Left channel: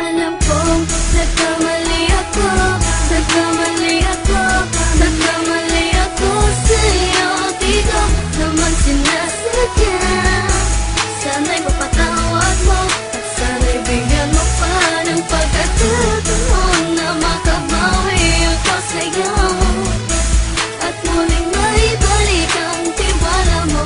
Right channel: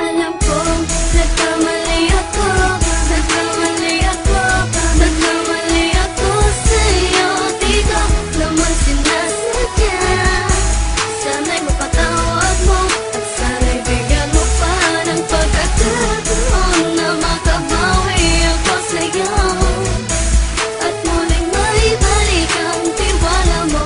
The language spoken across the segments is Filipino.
Alam kong nagkamali ako, nagkamali ako, nagkamali ako sa'yo. Di ko naman sinasadya. Sana'y mapatawad mo at sana'y bigyan mo pa ng pagkakataon na makabawi ako sa'yo at muling maibalik ang tiwala mo.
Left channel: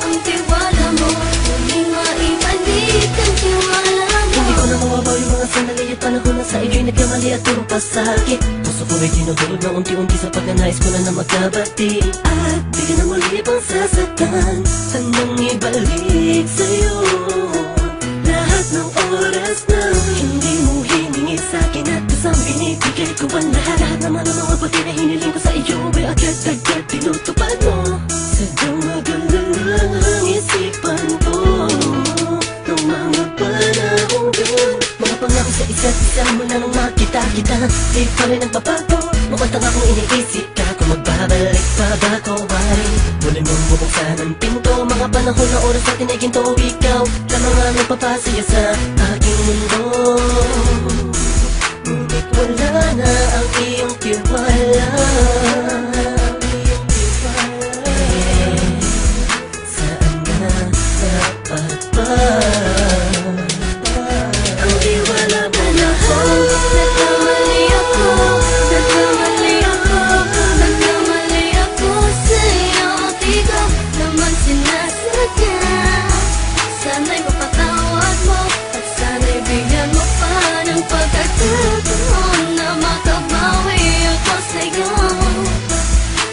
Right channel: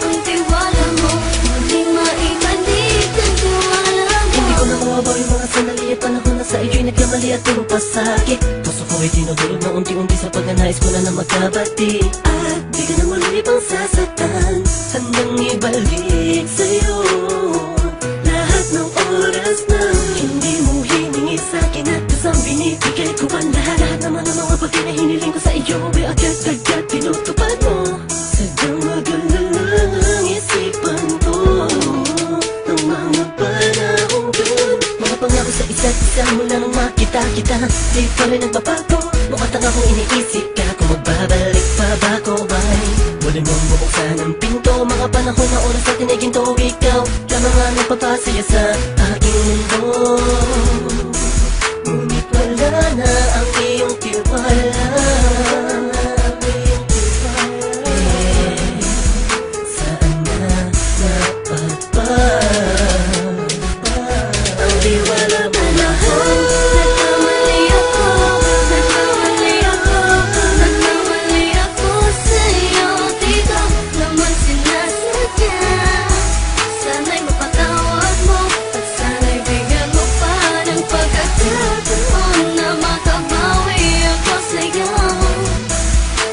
Ang tiwala mo, muling maibalik ang tiwala mo. Hindi ko na mawabaw yung mga sandali at panahon na sa iyo'y nagkamali at puro pasakit. Puso ko ay dinudulog na unti-unti sa pagnanais ko na magkabati. At di ka na muli ibang sasaktan, handang ibalik sa'yo lahat ng oras na hindi mo hiningi sa'kin at kusang binibigay ko ang lahat. Lahat naman ng mga bagay na hiniling ko sa iyo ay agad-agad tinutupad mo. Sadyang magulo lang isipan ko ng mga panahon yun. Mga pangako sa isa't isa mula nung makita kita, di pa rin nagbabago. Makatanga kung iniisip ka kung magbabalik pa ba ko ay muli mong bubuksan ang pinto. Mga panahon na oras natin ay ginto, ikaw lamang ang nagpapasaya sa aking mundo. Ngunit wala na ang iyong tiwala. Saan na napagpa ang tiwala mo na Nagkamali ako, nagkamali ako, nagkamali ako sa'yo. Di ko naman sinasadya. Sana'y mapatawad mo at sana'y bigyan mo pa ng pagkakataon na makabawi ako sa'yo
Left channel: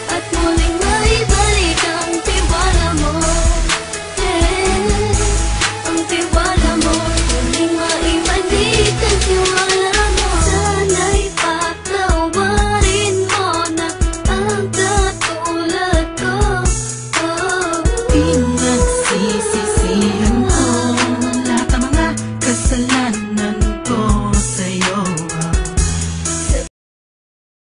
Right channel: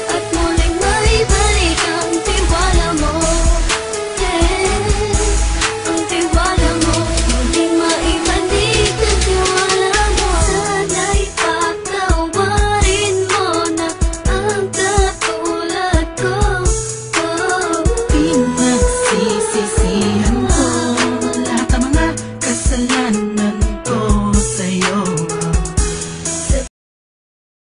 at muling maibalik ang tiwala mo. Ang tiwala mo, muling maibalik ang tiwala mo. Sana'y patawarin mo na ang katulad ko. pinagsisisi